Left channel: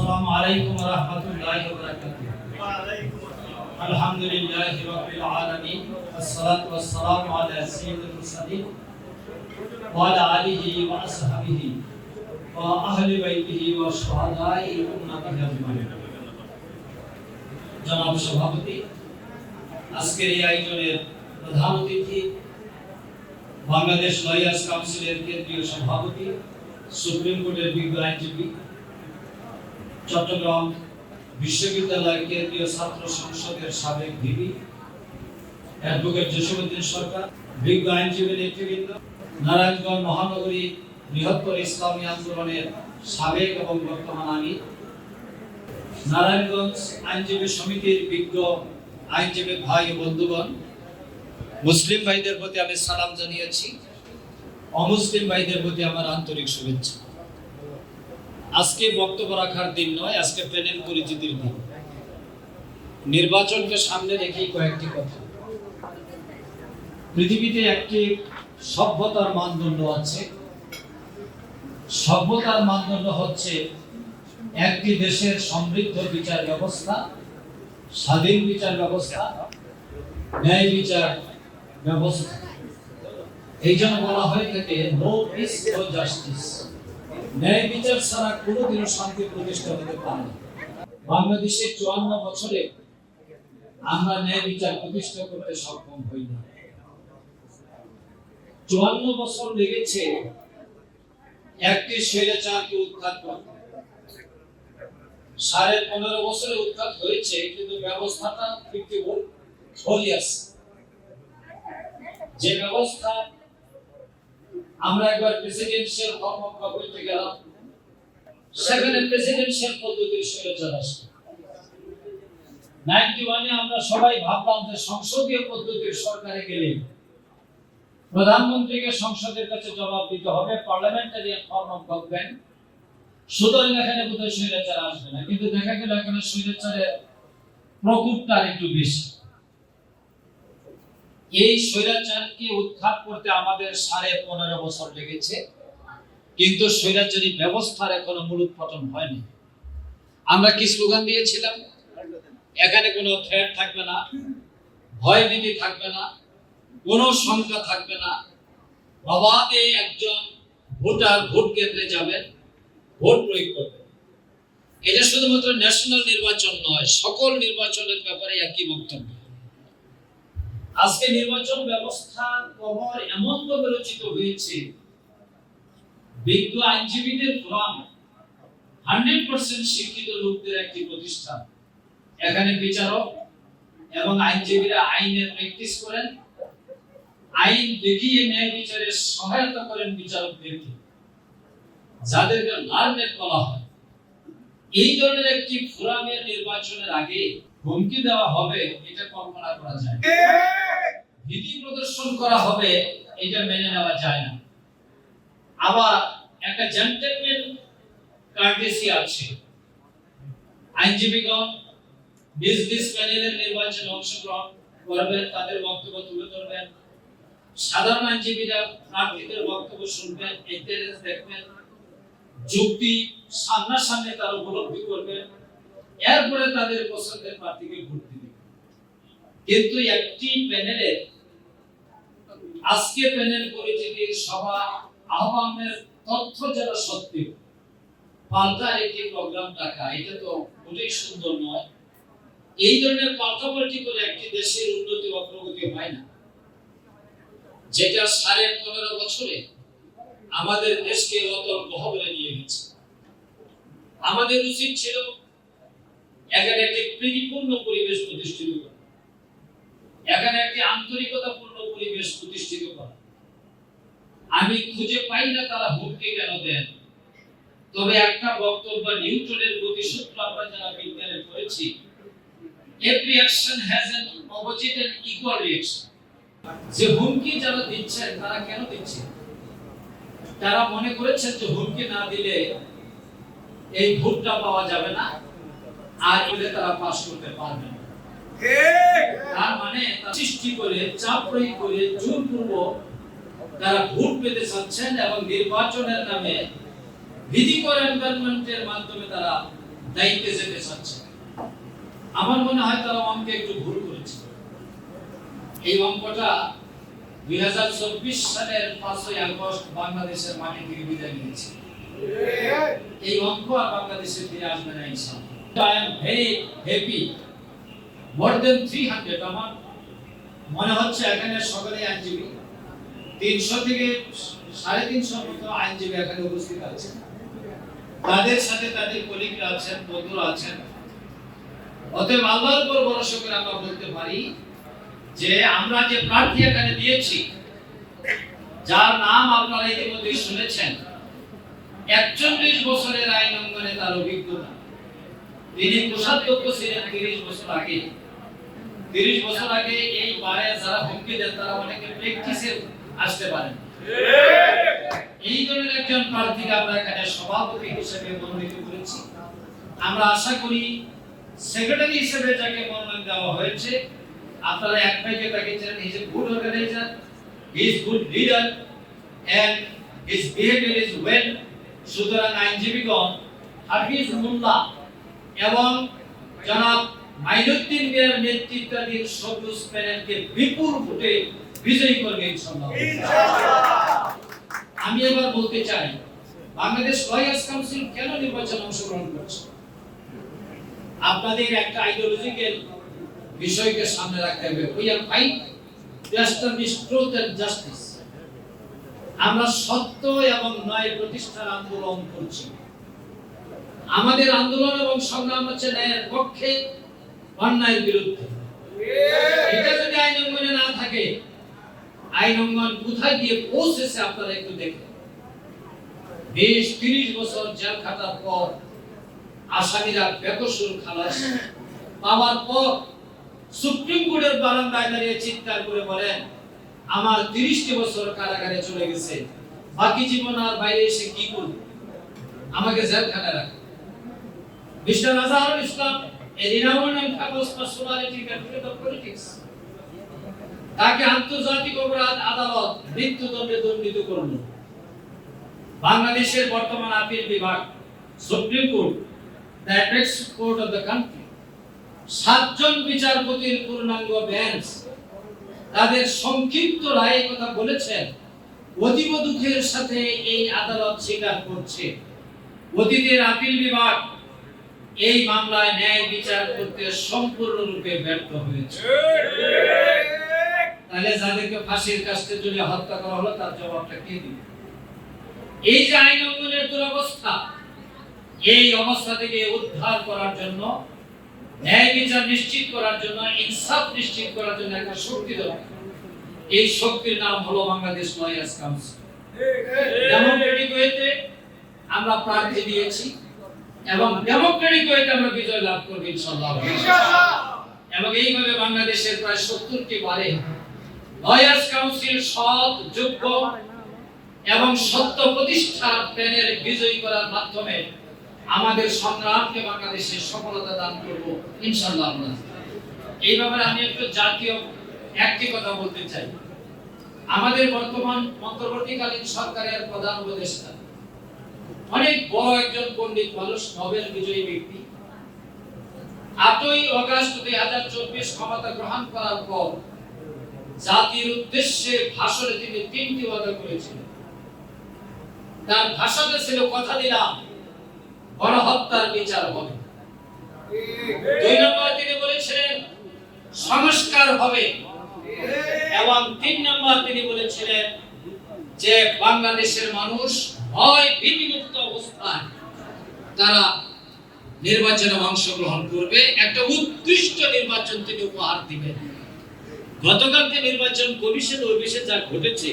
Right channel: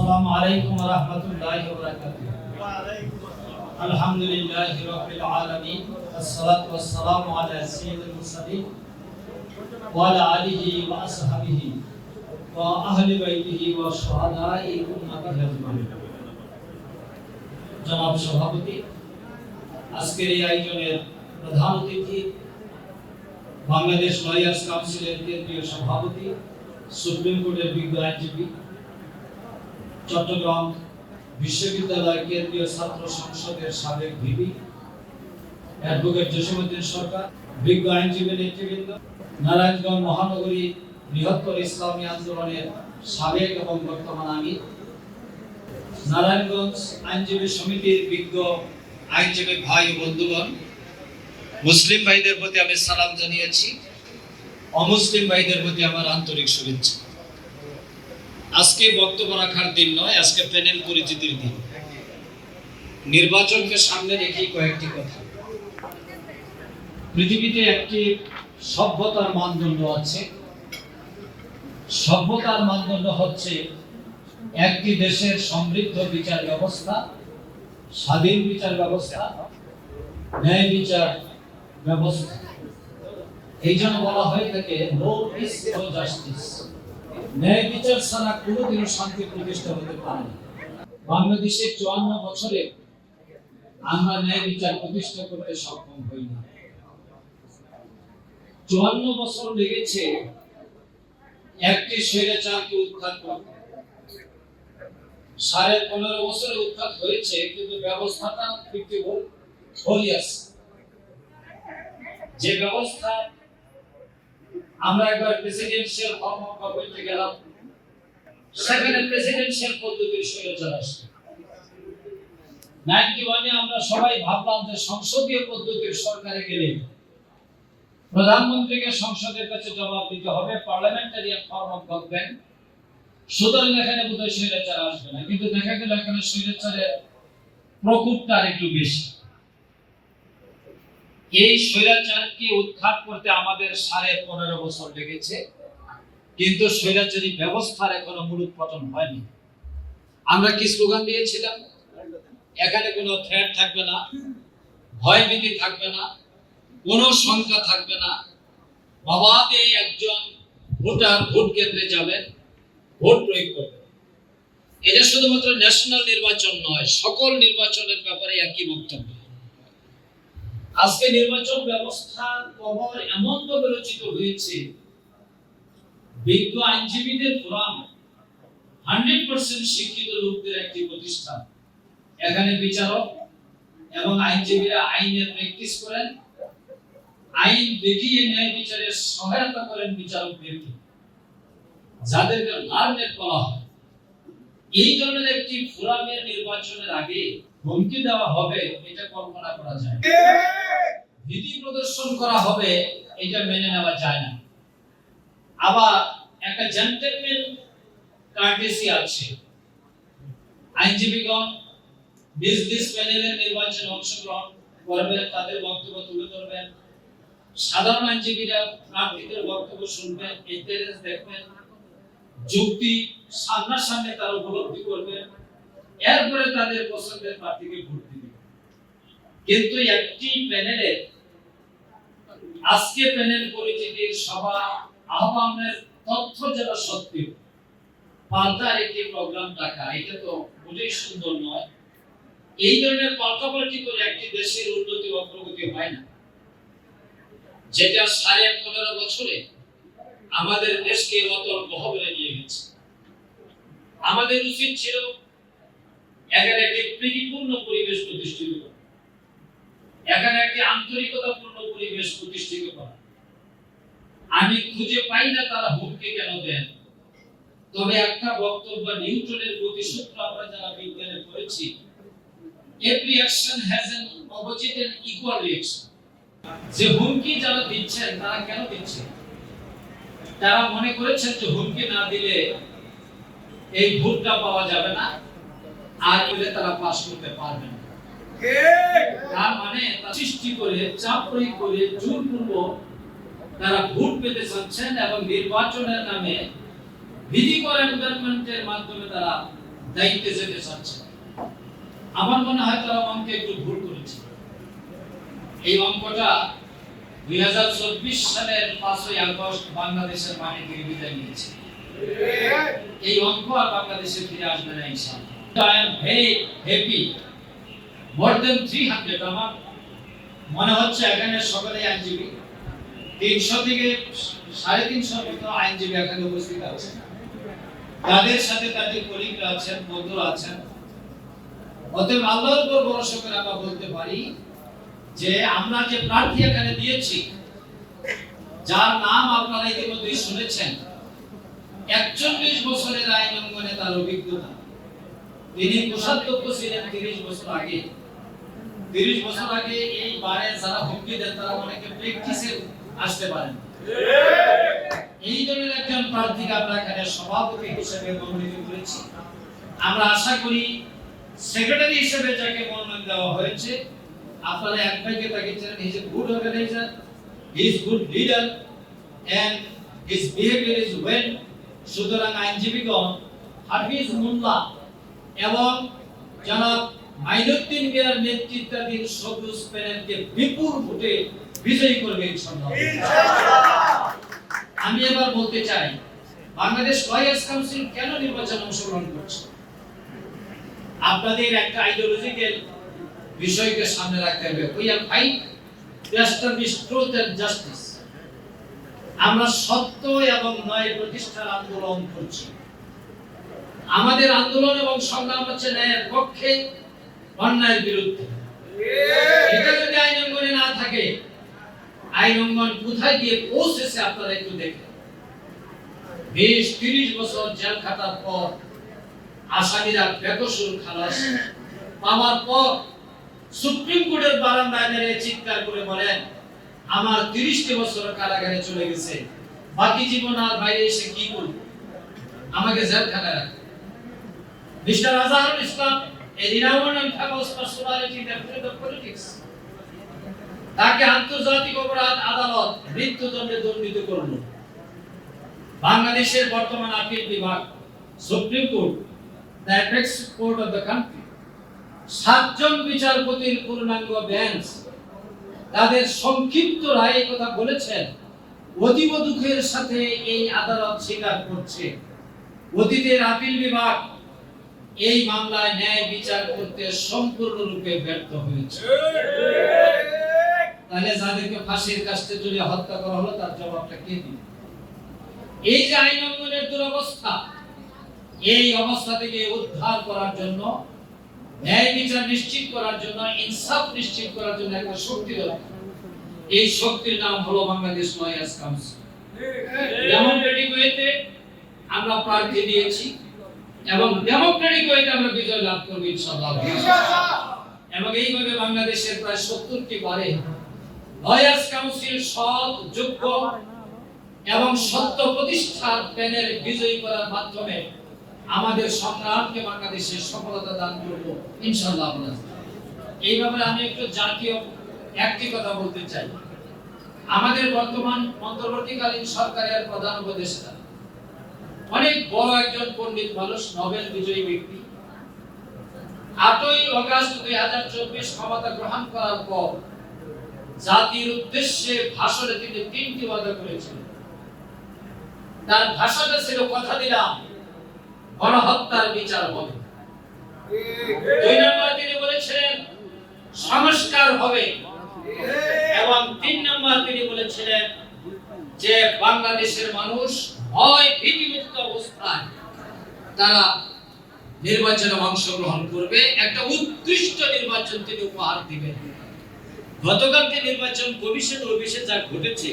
السلام عليكم ورحمة الله وبركاته الحمد لله رب العالمين والصلاة والسلام على سيد المرسلين وعلى آله وأصحابه وأهل بيته وشهداء أمته أجمعين জনাব সভাপতি আজকের এই আয়োজনের প্রধান অতিথি বাংলাদেশ লয়ার্স কাউন্সিলের কেন্দ্রীয় সভাপতি সুপ্রিম কোর্টের বিজ্ঞ আইনজীবী চট্টগ্রাম বিশ্ববিদ্যালয় কেন্দ্রীয় ছাত্র সংসদের সাবেক ভিপি অ্যাডভোকেট জসীমউদ্দিন সরকার, বিজ্ঞ আইনজীবী নেতৃবৃন্দ, নারায়ণগঞ্জ মহানগরী বৃহত্তর ইসলামী আন্দোলনের সাবেক এবং বর্তমান আমির, নারায়ণগঞ্জ আইনজীবী সমিতির বিজ্ঞ আইনজীবী ভাই ও বন্ধুগণ, মুসলিম ভাইদের প্রতি আমি সালাম জানিয়েছি, অমুসলিম ভাইদের প্রতি আমার আন্তরিক শুভেচ্ছা। আজকে বক্তব্য রাখার দিন নয়, আজকে প্যানেল পরিচিতির দিন। নির্বাচনকে সামনে রেখেই কয়েকটি কথা। পৃথিবীতে একটি সভ্যতার মানদণ্ড আছে। সভ্যতার মানদণ্ড হচ্ছে একটি দেশের সমৃদ্ধ বিচার ব্যবস্থা, স্বাধীন বিচার ব্যবস্থা, ন্যায় বিচার ব্যবস্থা। এই জন্য বলা হয়ে থাকে নো পিস নো জাস্টিস ন্যায় বিচার ছাড়া কোনোদিনও শান্তি প্রতিষ্ঠা হতে পারে না। বাংলাদেশের চুয়ান্ন বছরে আমরা ন্যায় বিচার প্রতিষ্ঠা করতে সক্ষম হইনি চুয়ান্ন বছর লেগেছে একটি স্বৈরাচারকে উদ্ধার করতে। সাড়ে পনেরো বছরে উৎখাত হয়েছে, কিন্তু ব্যবস্থাটা ফিফটিবল হয়ে আছে। যে ব্যবস্থা আমরা একবার প্রেসিডেন্সিয়াল ফর্ম অফ গভর্নমেন্টে গেলাম। সেখানে প্রেসিডেন্সিয়াল পদ্ধতির স্বৈরাচার আসে নাইনটি ওয়ানে আমরা সবাই ভাবলাম যে সংসদীয় পদ্ধতির সরকারে গেলে প্রধানমন্ত্রীকে সংসদের কাছে জবাব দিতে হবে পার্লামেন্টারিয়ান ফর্ম অফ গভর্নমেন্ট সুতরাং এখানে বোধহয় স্বৈরাচার আসবে না, কিন্তু দেখা গেল এখানে স্বৈরাচারের প্রকোপটা একটু বেশি। এই স্বৈরাচারকে উৎখাত করতে আমাদের সাড়ে পনেরো বছর লেগেছে। কিন্তু স্বৈরাচারী ব্যবস্থার এখনও মূলোৎপাটন হয়নি। আমরা কি স্লোগান দিয়েছিলাম? এখানে কোনো থ্রেট থাকবে না, ভয়ভীতি থাকবে না, কোনো শঙ্কা থাকবে না। অবাধে একজন ভোটার ভোট কেন্দ্রে যাবেন, ভোট প্রয়োগ করবেন। এটা শুধুমাত্র ন্যাশনাল নির্বাচন নয়, সকল নির্বাচনের ব্যাপারে একই বক্তব্য। আজকে নির্বাচন ব্যবস্থা কবর এমন ভাবে রচিত হয়েছে, বিজ্ঞ আইনজীবীদের ফোরাম হান্ড্রেড পার্সেন্ট শিক্ষিত লোকদের একটি প্রতিষ্ঠান। এখানে বিচারক এবং আইনজীবীরা আইনের প্র্যাকটিস করেন, আইন দেখিয়ে ন্যায় বিচারে সহায়তা করেন বিচারকদেরকে, যাদেরকে লার্নেট বলা হয়। এই ধরনের একটি ফোরামের নির্বাচনের আগে হুমকি দেওয়া হবে, এটা কল্পনা করা যায়। ভীতি প্রদর্শন করা হবে, এটা মেনে নেওয়া যায় না। আবার একটা জেন্টলম্যান কার্টেসি আছে। আইনজীবীগণ নিজ নিজ প্যানেলের নির্বাচনে অংশগ্রহণ করবেন, তাদের বক্তব্য তুলে ধরবেন। সাধারণ আইনজীবীরা প্রার্থীদের বক্তব্য শুনবেন ইন্টারেস্ট দেখবেন, যুক্তি সামনাসামনি তারা উপলব্ধি করবেন এরপরে তাদের পছন্দের প্রার্থীকে ভোট দিবেন কিন্তু একটি প্যানেলে আজকে প্যানেল পরিচিতির সভা, আহ্বানের তথ্য যারা সত্যি। পাল্টার একটি প্রোগ্রাম রাখা, এটা তো মোটেই সুন্দর নয়। এই ধরনের পাল্টাপাল্টি করে একটি দেশের উন্নতি বা প্রগতি হয় না। যেটা সাড়ে পনেরো বছরে আমাদের দেশকে অতল গহবরে নিয়ে গেছে। আমাদের উচিত ছিল এখানে একটি প্রীতিপূর্ণ পরিবেশ প্রতিষ্ঠিত করা। এখানে একটি আন্তরিকতাপূর্ণ পরিবেশ প্রতিষ্ঠিত করা। আমি খুঁজে পাই না তারা হুমকি কেন দেন। তবে একটা বক্তব্য নিউটনের গতিসূত্র আমরা যারা বিজ্ঞানে পড়েছি। every action has an opposite and equal reaction যে হুমকি যারা দিচ্ছেন, তারা কেন দিচ্ছেন? তারা মনে করেছেন যে হুমকি না দিলে এই ভোটটা পাওয়া যাবে না। আর তারা পাস করতে পারবে না। তার মানে সৃষ্টি করে চাপ প্রয়োগ করে জোরপূর্বক তারা ভোট পেতে চাচ্ছেন এবং নির্বাচনের নামে ভীতিকর এনভায়রনমেন্টের মাধ্যমে তারা দায়িত্বে যেতে চাচ্ছে আমার মনে হয় তারা অঙ্কে একটু ভুল করেছে। এই অঙ্কটা দুই হাজার চব্বিশ সালের পাঁচই আগস্ট বাংলাদেশের মাটি বিদায় নিয়েছে। এই অঙ্ক আর বাংলাদেশে ফিরে আসবে না ইনশাআল্লাহ। I am very happy more than three hundred আমার মনে হচ্ছে এখানে সকলে আইনজীবী। তিনশো থেকে সাড়ে তিনশো মতো আইনজীবী এখানে উপস্থিত আছে তাদের সাথে তাদের কলিগরা আছেন, বন্ধুরা আছেন। অতএব আল্লাহর উপর ভরসা করে আমরা বলতে পারি যে আমরা যে প্রার্থী এখানে দিয়েছি, যার নাম আপনারা ইতিমধ্যে শুনেছেন, একচল্লিশ বছরের আইন অঙ্গনে তার অভিজ্ঞতা। তিনি কোষাধ্যক্ষ ছিলেন তিরিশ বছর আগে। তিরিশ বছর আগে এই বারে যারা হুমকি দেন, তারা অনেকে প্র্যাকটিসে আসতে পারেন। এই ধরনের একজন প্রার্থীকে আমরা এখানে সভাপতি হিসেবে মনোনীত করেছি। আমরা আশা করি সেক্রেটারি হিসেবে যাকে মনোনয়ন দেওয়া হয়েছে, আপনারা এক ভাইকে তাকে চেনেন he is a good organiser he is good leader and his behaviour is well সুতরাং আইনজীবীগণ, হাফিজ মোল্লা এবং জনাব মাইনুদ্দিন মিয়ার নেতৃত্বাধীন সবুজ প্যানেলকে বিপুল ভোটে বিজয়ী করবে আমি এবার বলতে চাই, বাংলাদেশ লয়ার্স কাউন্সিল কেন নির্বাচন অংশগ্রহণ করছে? আপনাদের একটা আইডিওলজিক্যাল বিষয়কে সামনে রাখতে হবে। We are fight truth justice আমরা সত্য এবং ন্যায় প্রতিষ্ঠার আন্দোলন করছি। আমাদের আন্দোলন এবং সংগ্রাম হচ্ছে ন্যায়ের পক্ষে অন্যায়ের বিরুদ্ধে। এটা যদি আইন অঙ্গনে না থাকে, আইন অঙ্গন কোথায় গিয়ে পৌঁছেছে আপনারা একটু দেখেন। তিরিশ বছর জেল পর, আসামিরা বেকসুর খালাস পাওয়ার পর সুপ্রিম কোর্টের বারান্দায় দাঁড়িয়ে চিৎকার করে বলেন, আমার তিরিশটি বছর কারাগারে চলে গেছে। বাকি জীবন আর বাইরে এসে কি করব? আমাকে জেলখানায় রাখে। মিস্টার আজহারুল ইসলাম তাকে আন্তর্জাতিক অপরাধ আদালত মৃত্যুদণ্ডে দণ্ডিত করল। বাংলাদেশের বর্তমান আপিল বিভাগ, supreme court court of the country. সাতজন বিচারপতির পূর্ণাঙ্গ বেঞ্চ। তাদের সংক্ষিপ্ত রায়ে কথা বলেছেন, অতীব দুঃখের সাথে এই আদালত স্বীকার করছে। অতীতের আপিল বিভাগ এই মামলায় ন্যায় বিচার করতে সম্পূর্ণরূপে ব্যর্থ হয়েছে। তাহলে যাদেরকে ফাঁসির কাস্তে ঝুলিয়ে হত্যা করা হলো, তার জবাবটা কে দিবে? এই যে আইন অঙ্গনের দুরবস্থা, এই অবস্থা থেকে উদ্ধার করার জন্য, ন্যায় বিচার নিশ্চিত করার জন্য, ইনসাফ নিশ্চিত করার জন্য একটা শক্তি দরকার। এই শক্তির নাম হলো বাংলাদেশ লয়ার্স কাউন্সিল। ডেমোক্রেটিক ওয়েতে আমরা প্রার্থী দিয়েছি। এবং ডেমোক্রেটিক ওয়েতে আমরা বিজয় লাভ করব ইনশাআল্লাহ। এবং এইভাবে বাংলাদেশের প্রায় সত্তরটি বারে লয়ার্স কাউন্সিল সৎ যোগ্য এবং সত্য প্রতিষ্ঠা প্যানেল বিজয়ী করার মাধ্যমে আমাদের সংগ্রামকে বাংলাদেশে সফলতা দান করব ইনশাআল্লাহ। এই ব্যাপারে আমি একটু জাতীয় একটি কথা বলতে চাই। আমাদের বর্তমান অন্তর্বর্তীকালীন সরকারের প্রধান উপদেষ্টা অনেক বড় একজন পণ্ডিত মানুষ, নোবেল বিজয়ী ব্যক্তি। আটই অগস্ট দুই হাজার চব্বিশ ক্ষমতা গ্রহণ করার পর জাতির উদ্দেশ্যে ভাষণে তিনি তিনটি ওয়াদা করেছিলেন তার ভাষণে ছিল, কথা দিলাম, গণহত্যার বিচার হবে। দুই নম্বর তিনি বলেছিলেন, সংস্কার হবে। এবং তিন নম্বর তিনি বলেছিলেন যে, বাংলাদেশের মানুষ ভয় ভীতিমুক্ত অবস্থায় তারা নির্বাচনে অংশগ্রহণ করবে। একটা উৎকৃষ্ট নির্বাচন তিনি উপহার দিবেন। গতকালকে নির্বাচন কমিশন অফিসে যা ঘটেছে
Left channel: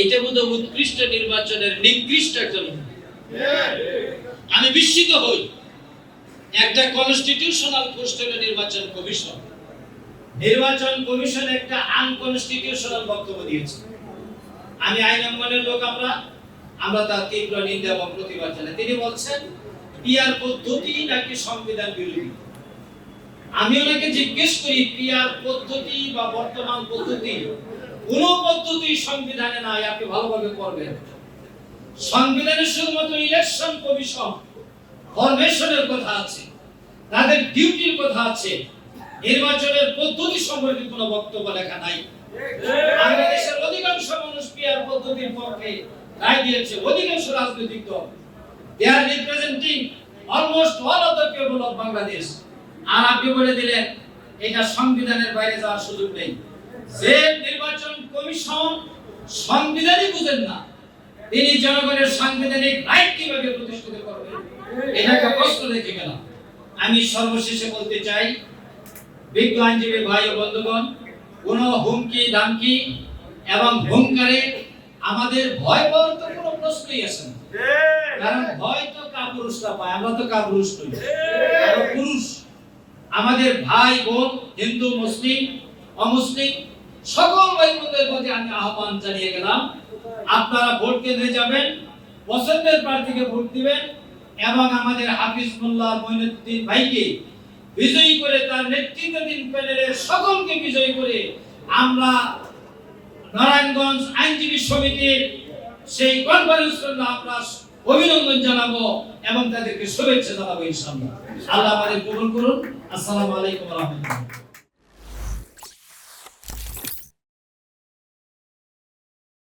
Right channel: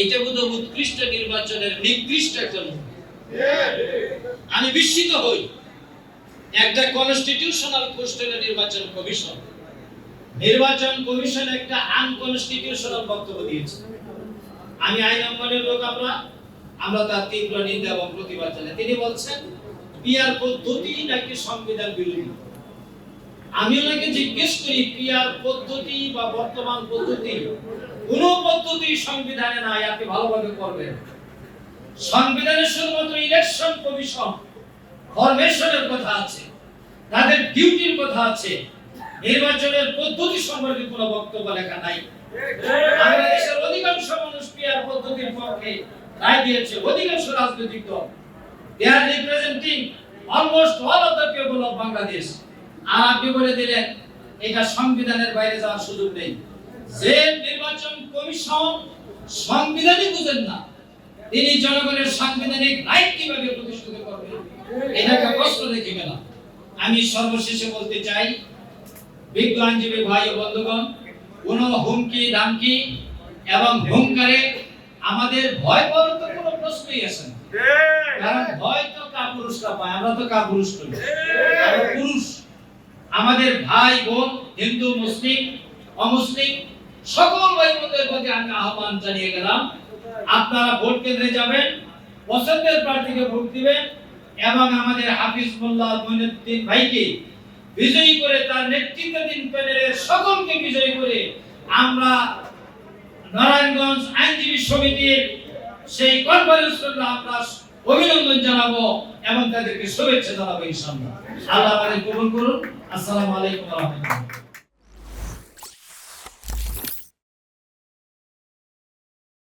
এটা বোধ উৎকৃষ্ট নির্বাচনের নিকৃষ্ট একটা আমি বিস্মিত হই। একটা কনস্টিটিউশনাল পোস্ট হলো নির্বাচন কমিশন। নির্বাচন কমিশন একটা আনকনস্টিটিউশনাল বক্তব্য দিয়েছে। আমি আইন অঙ্গনের লোক, আমরা আমরা তার তীব্র নিন্দা এবং প্রতিবাদ জানাই। তিনি বলছেন, পিয়ার পদ্ধতি নাকি সংবিধান বিরোধী? আমি ওনাকে জিজ্ঞেস করি, পিয়ার পদ্ধতি বা বর্তমান পদ্ধতি, কোন পদ্ধতি সংবিধানে নাই, আপনি ভালোভাবে করবেন। সংবিধানের শুধুমাত্র ইলেকশন কমিশন ফরমেশনের কথা আছে, তাদের ডিউটির কথা আছে, নির্বাচনের পদ্ধতি সম্পর্কে কোনো বক্তব্য লেখা নাই। বাংলাদেশের অধিকাংশ মানুষ পিয়ার পদ্ধতির পক্ষে রায় দিয়েছে, অধিকাংশ রাজনৈতিক দল। They are representing almost all of the people of Bangladesh আর আপনি বলে দিলেন, এটা সংবিধানের বাইরে যাওয়ার সুযোগ নেই। যে নির্বাচন কমিশন সংবিধানই বুঝেন না। তিনি জনগণের সাংবিধানিক রাইট কীভাবে প্রতিষ্ঠিত করবেন, এটাকে প্রশ্ন রেখে গেলাম। আমি সর্বশেষে বলতে চাই, বিজ্ঞ আইনজীবী ভাই ও বন্ধুগণ, কোন হুমকি, ধামকি এবং হুঙ্কারে আমাদের ভয় পাওয়ার তো কোনো প্রশ্নই আসে না। কারণ ভয় তো কাপুরুষরা পায় আমরা তো কাপুরুষ নই। আমরা পুরুষ আমাদের ভাই বোন হিন্দু মুসলিম অমুসলিম সকল ভাই বোনদের প্রতি আমি আহ্বান জানিয়ে গেলাম আপনারা ভোট কেন্দ্রে যাবেন পছন্দের প্রার্থীকে ভোট দিবেন এবং আমাদের হাফিজ মোল্লা মঈনুদ্দিন ভাইকে বিজয়ী করে তার নেতৃত্বাধীন প্যানেলের সকলকে বিজয়ী করে আমরা নারায়ণগঞ্জ আইনজীবী সমিতির সেই কনফারেন্স আমরা অভিনন্দন জানাব এবং তাদেরকে শুভেচ্ছা জানাব ইনশাআল্লাহ। আল্লাহ আমাদের কবুল করুন। আসসালামু আলাইকুম রাহমাতুল্লাহ।